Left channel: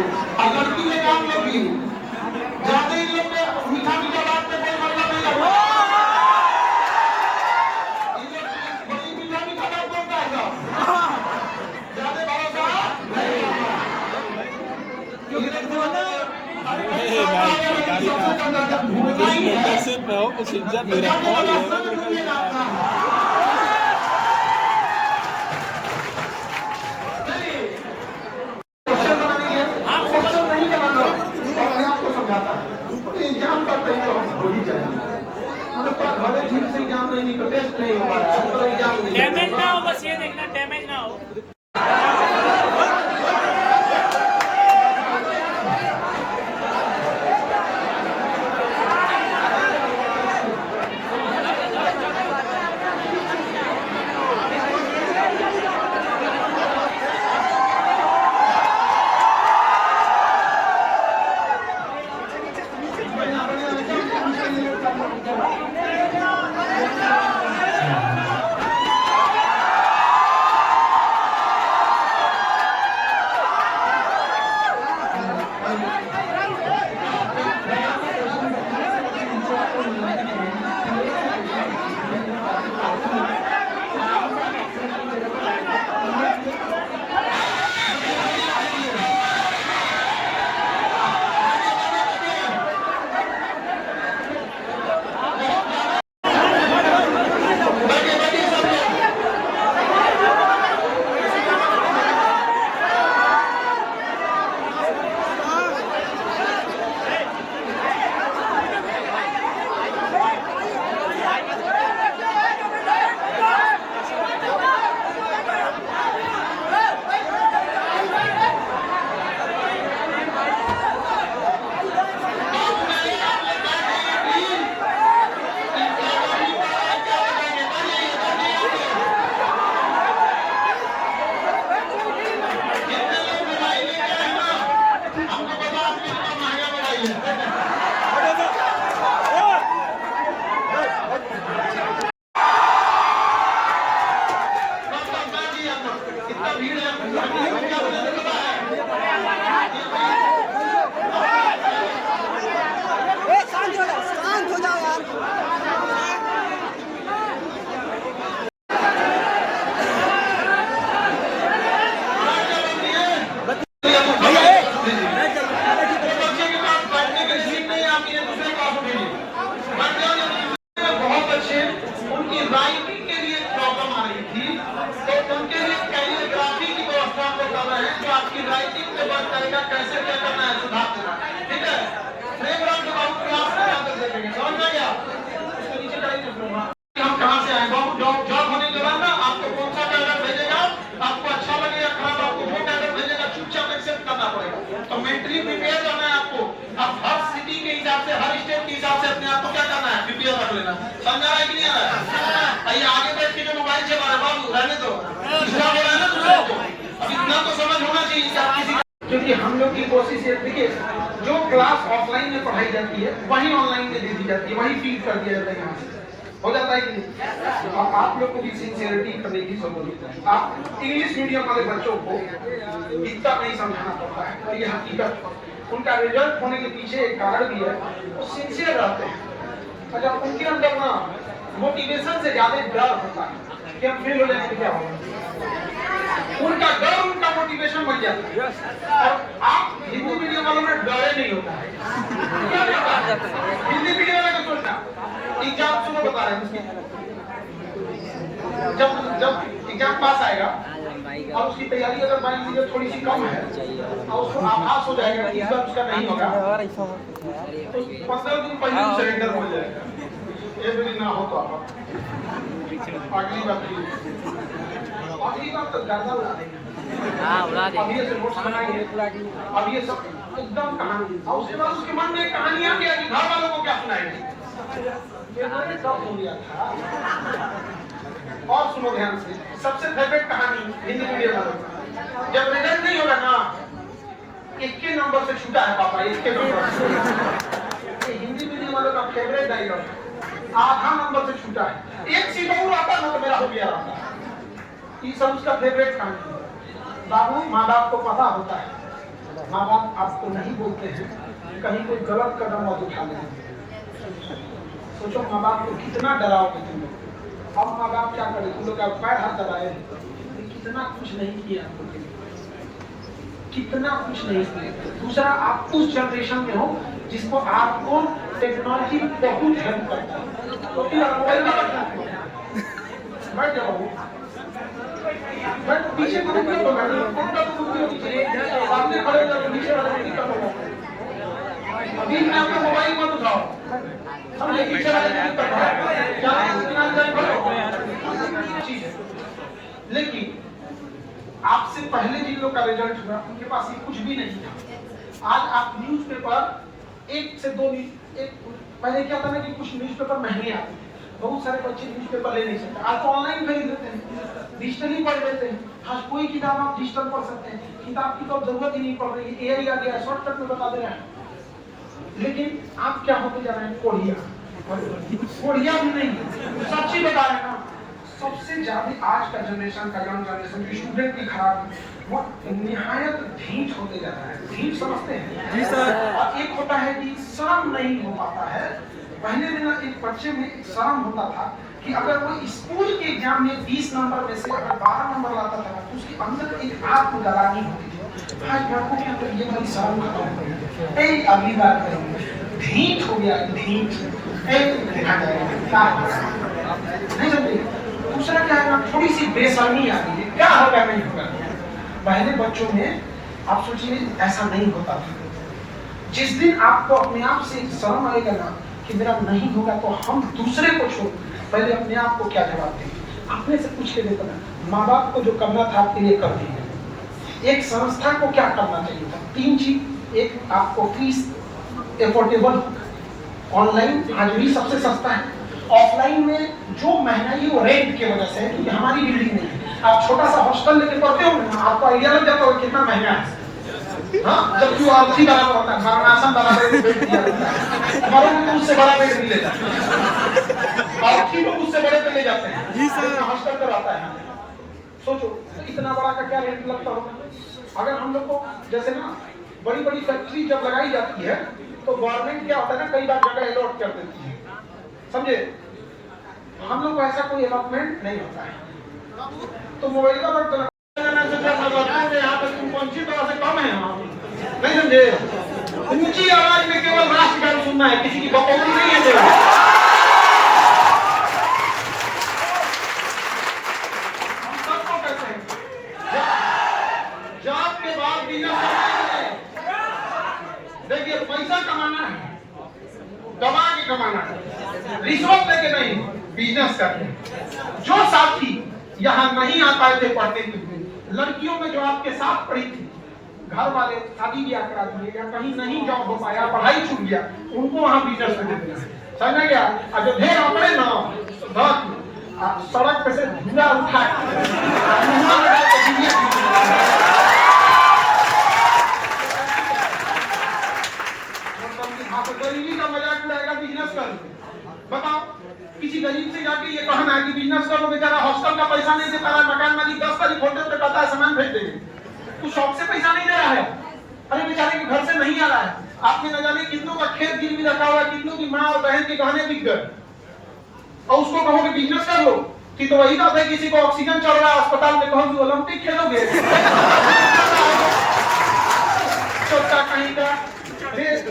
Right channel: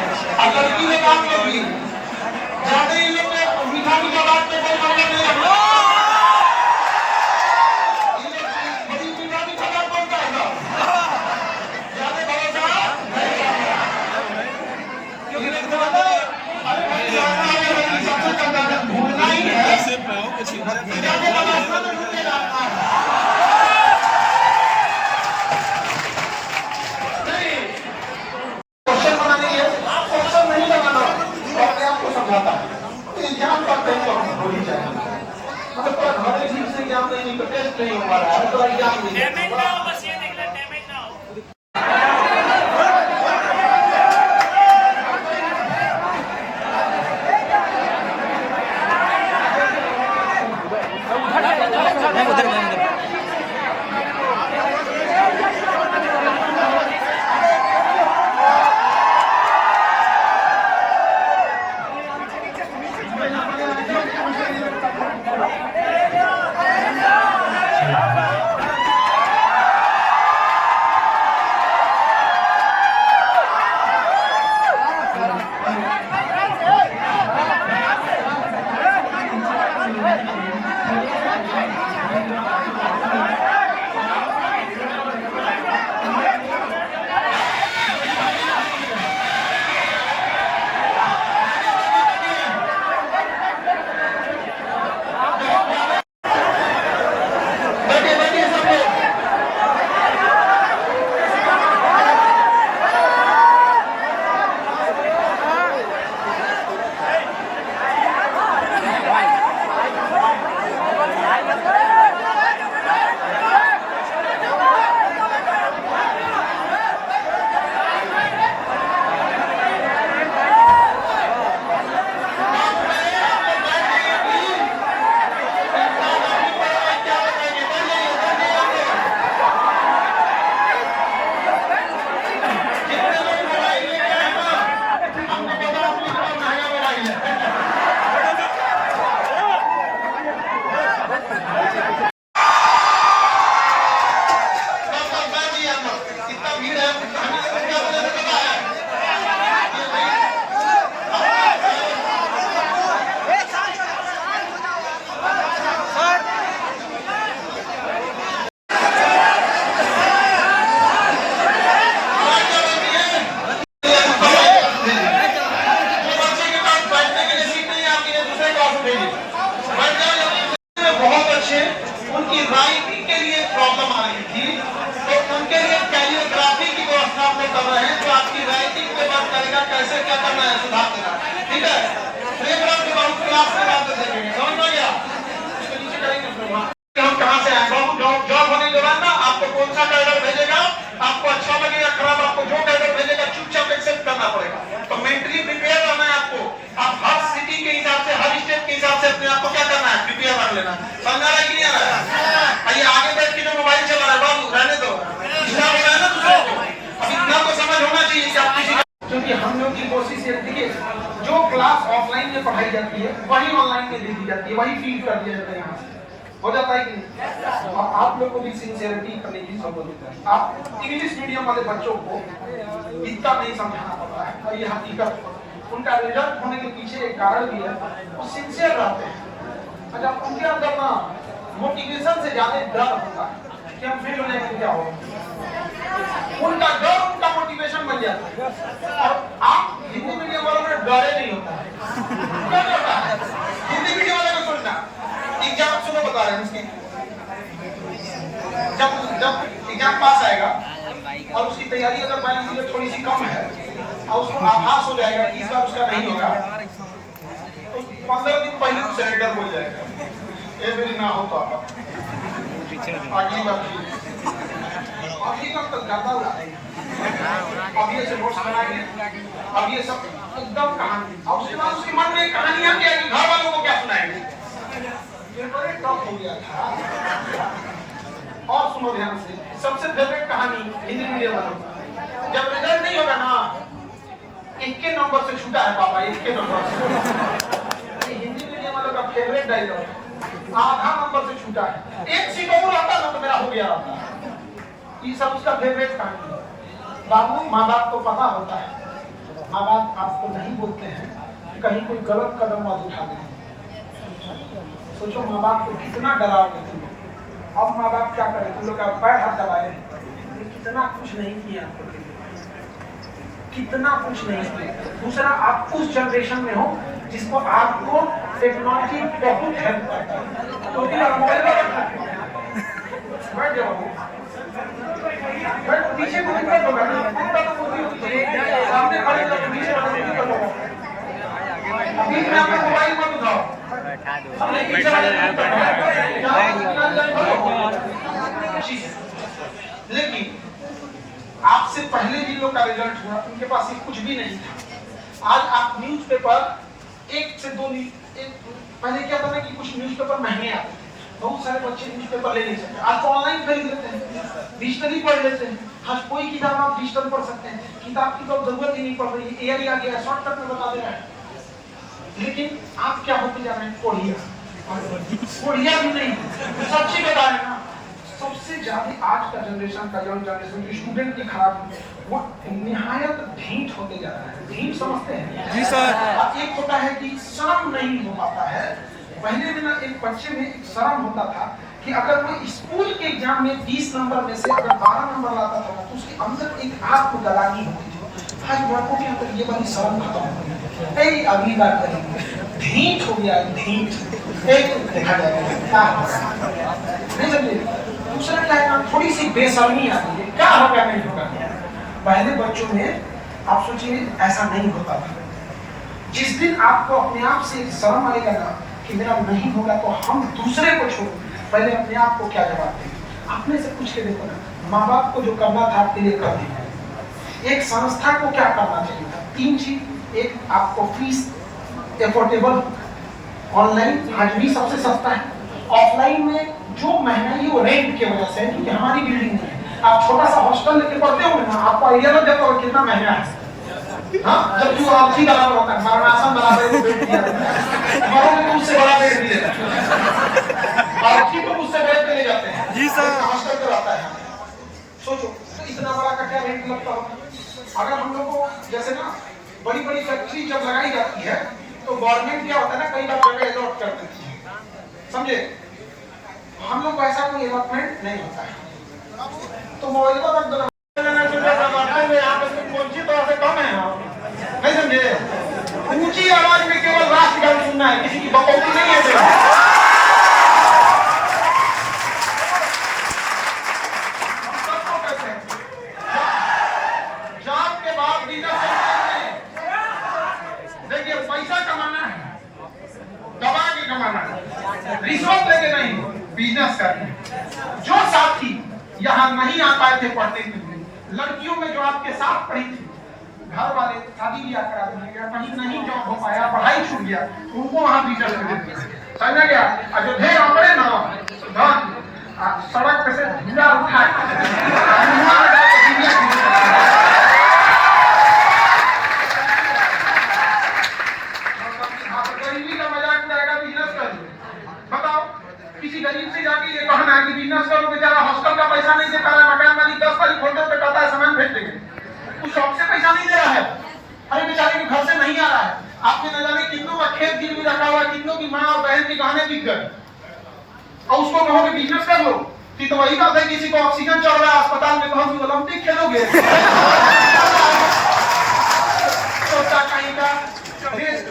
और लड़की लोग आप लोग भी ज्यादा इन लोग को मीठा मीठा बात पे कोई मतलब नहीं रखो। बड़ी मीठा मीठा बात बोलता है ज्यादा भरोसा घूमना ही है कुछ इज्जत नहीं रहा। नहीं तो टेस्ट नहीं हो पा रहा है तो एग्जाम नहीं डैमेज ना हो, बस ये देखना डैमेज ना हो। बहुत अच्छे उनकी राइटिंग के लिए प्रॉब्लम आ रही थी तो उनके लिए कैलियोग्राफी की व्यवस्था हम लोग कर रहे हैं जो आपकी राइटिंग के बाद करेगा कैसे क्या करना है सुधार करना है। ठीक है प्लेग्राउंड के बाद क्लास के बाद देखेंगे समझ में गया। हम कहाँ से आए बाबू जॉब होने के बाद ना आपको कौन सा कैडर भेजेगा आपको अच्छा लगेगा खराब आपको जो कैडर भेजेगा चुपचाप एक्सेप्ट करना पड़ेगा। तो मेंटली प्रिपेयर रहना है आपको। आप हर सिटी के हिसाब से हर स्टेट के हिसाब से अपने आप को क्या करना है प्रिपेयर रख लेना है। समझ आ रहा है कि नहीं आ रहा है? ये आगे बैठ के जो मोबाइल चला रहा है बाबू रहने दो दूसरा बोला ना दूसरों को अब इतना तो समझ होना चाहिए कि आप किसी क्योंकि हम लोग की कोशिश ये देखिए जो क्लास ऑफलाइन में पढ़ाई जाती है वही ऑनलाइन में दे दी जाती है वही फीड कर दिया जाता है यहाँ से हो जाता है कि नहीं। तो आप लोग को भी सिंसियरिटी करने की जरूरत है। आप इंग्लिश मीडियम वाले बच्चों को इतना नहीं समझाना पड़ता है और ये हकीकत उनका रिजल्ट होने के पीछे एक कारण भी है वो सिंसियर रहते हैं। अच्छा उनके अंदर ना मोटिवेशन से ज्यादा डर होता है कि हम फेल हो जाएंगे क्या होगा। उनका डर उनका मोटिवेशन बन जाता है और आप हिंदी मीडियम वालों में डरे नहीं होता है। क्या होता है हिंदी मीडियम वाले को सोचना एग्जाम सुनो बता रहे हैं उसके जब एग्जाम पास आएगा और उसकी तैयारी अगर मान लीजिए थोड़ी सी कम है और उसको आभास हो जाएगा कि इस बार उसका नहीं होगा तो 15 दिन पहले वो सरेंडर हो जाएगा। ये ना हो तो आप अगली बार तो ज्यादा अब ये नोट्स बनाएंगे अब ये सब एकदम कहानी और उसके बाद उसके मन में कहानियां क्या कि घर वालों को क्या सुनाएंगे हो गया था। और सुनो ध्यान से सबसे फेवरेट कहानी हिंदी मीडियम वालों जब रिजल्ट नहीं होगा ना 1 नंबर से छूटा है पापा 1 नंबर से हिंदी मीडियम वालों का फेवरेट डायलॉग आधा नंबर से छूटा है 1 सीट और रहता ना तो मेरा हो गया होता। ये सब उसका फेवरेट कहानी बाबू माँ बाप को पता होता है माँ बाप आपको नहीं बोलते हैं कहीं कोई गलत कदम मत उठा लें। सोचो माँ बाप को कितना डराओगे तुम लोग। अब माँ बाप क्या करे, तुम लोग का पैर हाथ दबाए, कितना कुछ नहीं किया आपको, कितना कुछ नहीं किया। दूसरा, आप उस जनरेशन में हो जिसको आपको टेक्नोलॉजी बहुत हेल्प करता है, तो फिर आप मोबाइल में बैठ जाओ, पीछे को दिक्कत होगा, सामने खड़े हो तो पीछे वाले को दिक्कत होगा। अभी में आपको मोबाइल मत उठाओ, हमने पीछे वाले को दिक्कत है। लेकिन आपसे पहले जिन लोग का रिजल्ट हुआ उनके पास ये कुछ भी नहीं था। आज आप न्यूज़पेपर एक से दो, पहले क्या था ना कि कुछ न्यूज़पेपर महंगे आते थे, बहुत सारे बच्चे न्यूज़पेपर ले नहीं सकते, आज तो ऑनलाइन खरीद लेते हैं, डिजिटली पढ़ लेते हैं। हर कोई किताब आप डिजिटल पढ़ सकते हैं, किताब की तो जरूरत ही नहीं पड़ रही है, एआई आ गया है, शॉर्टकट में बता दे रहा है। लेकिन आप क्या होते जा रहे हैं, कोढ़िया भी नहीं, सच्ची बता रहे हैं। सबसे ज्यादा आज का जनरेशन का यंग जनरेशन जो स्टूडेंट की खराब वो निहायत ढीठ होते जा रहा है। ढीठ समझते हैं जी सर। एक होता है कि शर्म नहीं हो पाता है। पहले में ना एक बच्चे में एक शर्म होता था कि अगर वो स्कूल के एग्जाम में 20 नंबर में से अगर 12 नंबर लाता था तो उसके अंदर एक आत्मग्लानि होती थी, भाई मैं को क्या, तो ये वाली शर्म खत्म हो गई। ए अगली बार करेंगे, ढीठ हो गया, ढीठ देखा जाएगा नहीं समझे। दूसरा क्या है ना, थोड़ी सी बेशर्मी आती है, क्या होगा नहीं होगा। पहले बच्चों में आप सोचिए ऐसा नहीं होता था। जिस दिन आपको अपने आप से शर्म आएगा ना कि मेरा नहीं होगा, तो हम दूसरे को छोड़ पहले अपने आप को क्या जवाब दें। अपने से पूछ के देखो ना, माँ बाप को जो करना था आपके लिए कर दिया। एक संस्था को क्या करना चाहिए था, 3 चीज। एक, आपको फीस एफोर्डेबल, ऑनलाइन आज भी सबसे सस्ता है। ऑफलाइन में जो महंगाई वो रेंट की वजह से है, क्योंकि हमारी बिल्डिंग नहीं है। आप छोटा सा हॉस्टल लेके पढ़ते होंगे ना, आपको आइडिया लग जाता होगा कितना महंगा है। हाँ, जब जो आपसी बराबर होता है, मरणासन बराबर बेड दिया जाता है, मरोगे तो उससे बड़ा बेड दिया जाता है, और ठीक तो उससे बड़े पे ले जाते हैं। जी सर। हॉस्टल तो रहता है। सोचो तो इतना बड़ा का क्या रेंट लगता होगा। अगर हम लोग को जैसे ना बड़ी बड़ी फैक्ट्री जब लगाई जाती है तो गवर्नमेंट क्या होता है ना, कई बार जगह अलॉट कर देती है, समझे। हम लोग को ऐसा कोई अलॉटमेंट नहीं होता है। तो मोबाइल का रख देना, यहाँ पर तुम कौन सी तरह से कम है, नहीं समझे। ऊंची आवाज में केवल राष्ट्रगान सुनना है, किसी की बकौती नहीं है। जॉब के बाद देखिए, पैसा कमाना है, दबा के कमाना है, रिश्वत लेके नहीं, बिजनेस करके। जो साथी यहाँ नहीं आ पाए थे पढ़ते हुए, लड़कियों में जो आपके साथ पढ़ी थी, घर वाले शादी ब्याह करा दिए, कहीं नहीं जॉब हो पाया, पढ़ाई छूट गया, उनको वहाँ बिजनेस में देते हैं, समझा गया। अयोध्या पड़े ना सड़क पे से झूला उठा गरीबी का मजाक उड़ाएगा, बिजनेस कर। बताओ, किसी गरीब से जाके ये कहना है कि बिजनेस करो, बेचारा हॉस्टल का पैसा नहीं दे पा रहा है, मकान मालिक 10 तारीख होटल पे कहता है सामान भेज देंगे, कुछ शॉप से पैसा नहीं दे रहा है, अरे बेचारे के घर से नहीं आ रहा है। आपने न जाने कितनों का खेत गिरवी रखा हुआ, कितनों की माँ और बहन के गहने बिक गए, और उसको कहो कि बिजनेस कर लो। तो वही बात है, किसी को ऑक्सीजन चल रहा है अस्पताल में, कहो कि ओलंपिक खेलोगे, कहीं का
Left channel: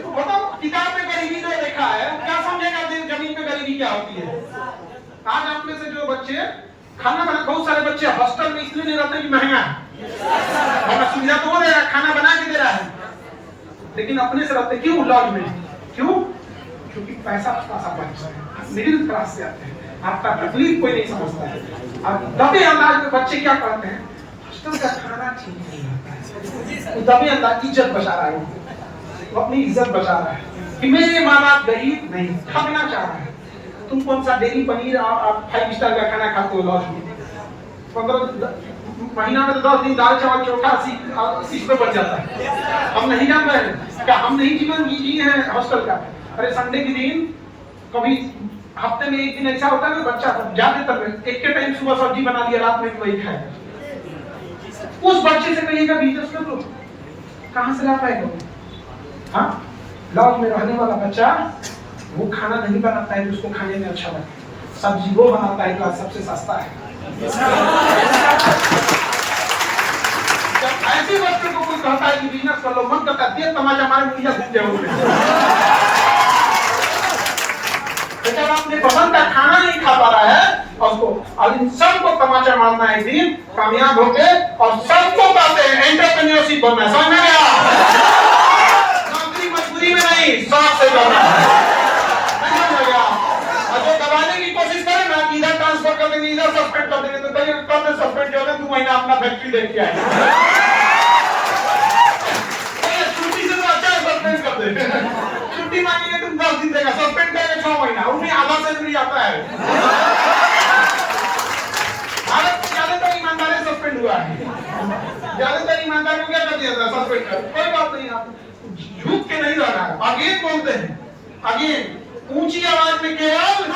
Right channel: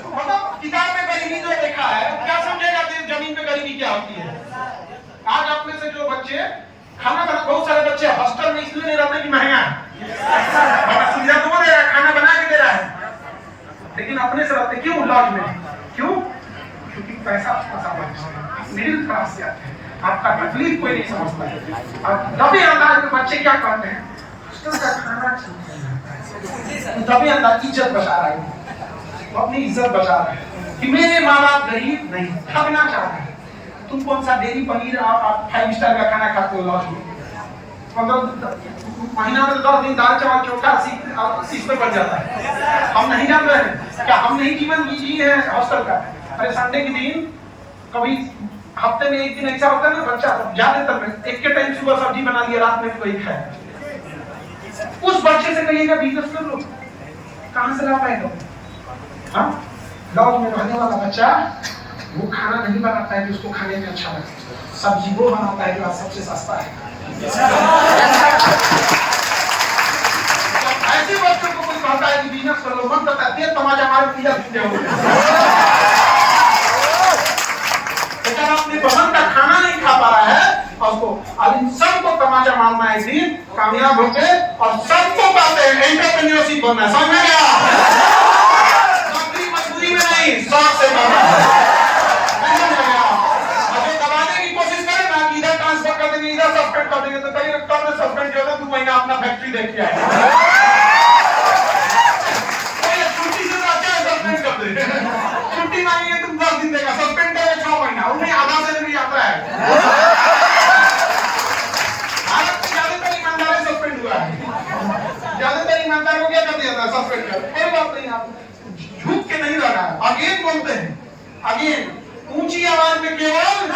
मतलब किताब में गरीबी जो देखा है, क्या समझेगा जमीन पे गरीबी क्या होती है। आज आप में से जो बच्चे खाना बना, बहुत सारे बच्चे हॉस्टल में इसलिए नहीं रहते कि महंगा है, सुविधा तो दे रहा है, खाना बना के दे रहा है, लेकिन अपने से रहते क्यों लॉज में, क्यों, क्योंकि पैसा मिडिल क्लास से आते हैं, आपका तकलीफ कोई नहीं समझता है। अब दबे अंदाज में बच्चे क्या कहते हैं, हॉस्टल का खाना ठीक नहीं लगता है, दबे अंदाज इज्जत बचा रहा है, अपनी इज्जत बचा रहा है कि मेरे माँ बाप गरीब नहीं, खाना चाह रहे हैं। तुम कौन सा डेली पनीर और 5 स्टार का खाना खाते हो लॉज में, महीना में 10 दिन दाल चावल चोखा 80 रुपए बन जाता है। हम नहीं जान रहे हैं क्या, हम नहीं जीवन जी है हॉस्टल का। अरे संडे के दिन कभी हफ्ते में एक दिन ऐसा होता है ना, बच्चा ज्यादातर एक के टाइम सुबह सब्जी बना लिया, रात में वही खाया। उस बच्चे से कहिएगा बिजनेस कर लो, कहाँ से ला पाएगा वो? हाँ, गाँव में रहने वाला बच्चा वो खाना नहीं बनाता है कि उसको खाने में अच्छा लगे, सब्जी वो बनाता है जो सबसे सस्ता है। जब ऐसे बच्चों को कोई कहता है कि बिजनेस कर लो, मन करता है तेज तमाचा मार के जब अपने पसंद का खाना नहीं खा पा रहा है और उसको अब इन सबको तमाचा मारना है, एक दिन कामयाब होके और सबको कहते हैं एंटरप्रेन्योरशिप बनना है। समझ में आया? नौकरी मजदूरी में नहीं, शौक से करना है। जो दबाने की कोशिश करे ना, इधर ट्रांसफर कर देंगे, इधर सस्पेंड कर देंगे, तो कहीं कब में सस्पेंड किया था 2 महीना अपना फैक्ट्री देख के आए। छुट्टी से अच्छा है सस्पेंड कर देंगे, छुट्टी मांगेंगे तुम 10 दिन देगा, सस्पेंड करेंगे 6 महीना, उन्हें आधा से नहीं आता है। भारत में ज्यादातर ईमानदार सस्पेंड हुआ है, ज्यादातर ईमानदार को क्या कर दिया था? सस्पेंड कर। कोई बात नहीं, आप झूठ के नहीं लगा, अगेन बोलते हैं, अगेन ऊंची आवाज में केवल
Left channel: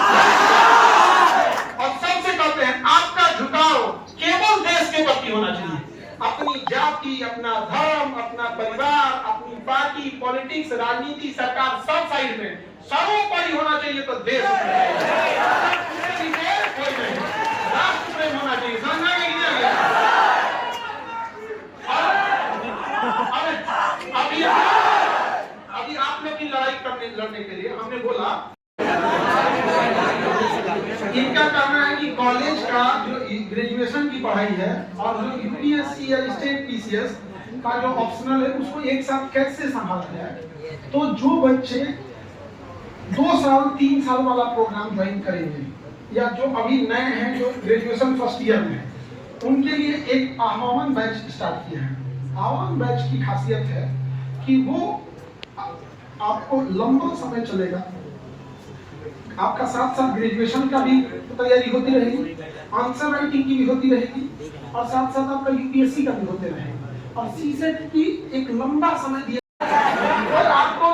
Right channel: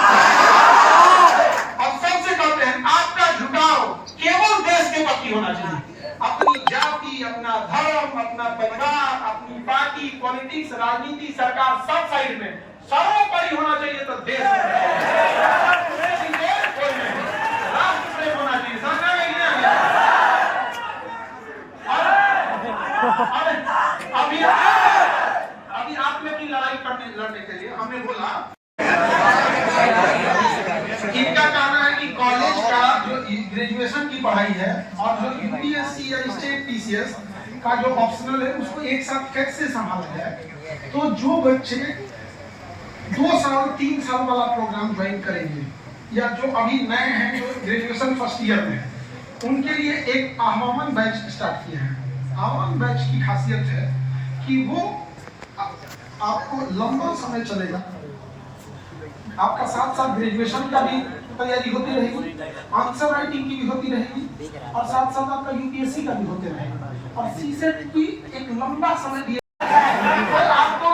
और सबसे कहते हैं आपका झुकाव केवल देश के प्रति होना चाहिए। अपनी जाति, अपना धर्म, अपना परिवार, अपनी पार्टी, पॉलिटिक्स, राजनीति, सरकार सब साइड में सर्वोपरि होना चाहिए तो देश कोई नहीं, राष्ट्र प्रेम होना चाहिए। समझ में आया? अभी आपने की लड़ाई लड़ने के लिए हमने बोला इनका कहना है कि कॉलेज का जो ग्रेजुएशन की पढ़ाई है और जो यूपीएससी या स्टेट पीसीएस का जो ऑप्शनल है उसको एक साथ कैसे संभाला जाए। तो जो बच्चे 2 साल 3 साल वाला प्रोग्राम ज्वाइन करेंगे या जो अभी नए हैं जो ग्रेजुएशन फर्स्ट ईयर में है, उनके लिए एक आह्वान बैच स्टार्ट किया है। आह्वान बैच की खासियत है कि वो आपको लंबा समय चलेगा, आपका साथ साथ ग्रेजुएशन का भी तैयारी होती रहेगी, आंसर राइटिंग की भी होती रहेगी और साथ साथ आपका यूपीएससी का भी होते रहेगा और सीसेट की एक लंबा समय दिया। और आपको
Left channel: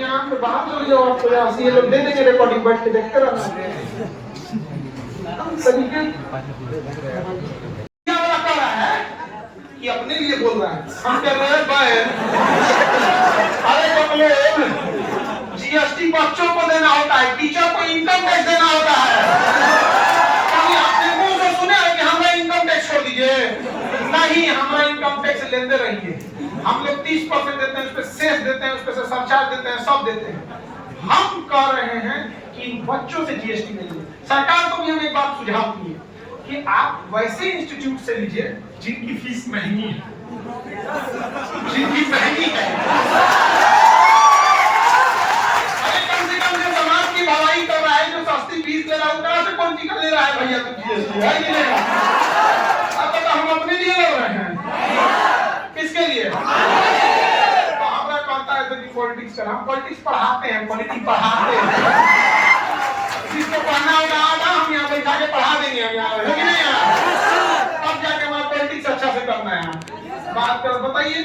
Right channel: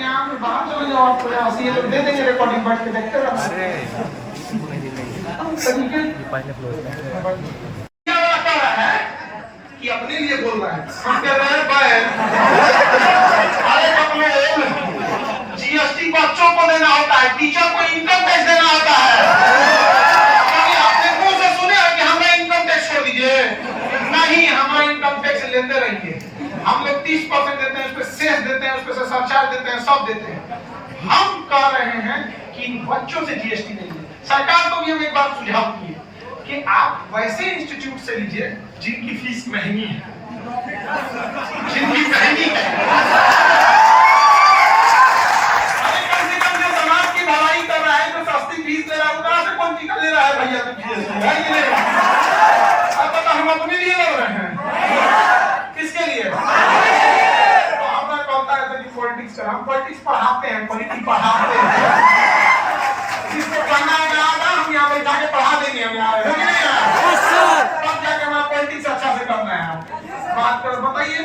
यहाँ में बाहर चले जाओ, आपको ये लोग दे देंगे रिकॉर्डिंग, बैठ के देखते रहना। कि अपने लिए बोल रहा है, हम कह रहे हैं अरे जीएसटी बच्चों को देना होता है, टीचर को इनकम टैक्स देना होता है। कभी आपने मुंह से सुने कि हमें इनकम टैक्स छोड़ दीजिए? नहीं, हमारा इनकम टैक्स लेते रहिए। हम लोग 30% देते हैं, उस पर सेस देते हैं, उस पर सरचार्ज देते हैं, सब देते हैं। हम कह रहे हैं कि बच्चों से जीएसटी नहीं लीजिए। सरकार को भी हम एक बात सुझाव दिए कि आप वैसे इंस्टीट्यूट से लीजिए जिनकी फीस महंगी है, जिनकी महंगी है। अरे कम से कम जो समाज की भलाई कर रहा है, जो सस्ती फीस दे रहा है, कहाँ से पॉलिटिकल ले रहा है भैया? तो हम अपने लिए लड़ रहे हैं, किसके लिए? तो हमारा कहता है कि पॉलिटिक्स कर, हम पॉलिटिक्स पढ़ाते हैं, पॉलिटिक्स पढ़ाते हैं। जिसको पढ़ना होगा हम यहाँ पर जाके पढ़ा देंगे, हम यहाँ तब जाके हमारा पॉलिटिक्स अच्छा से करना है। बात कर बताइए।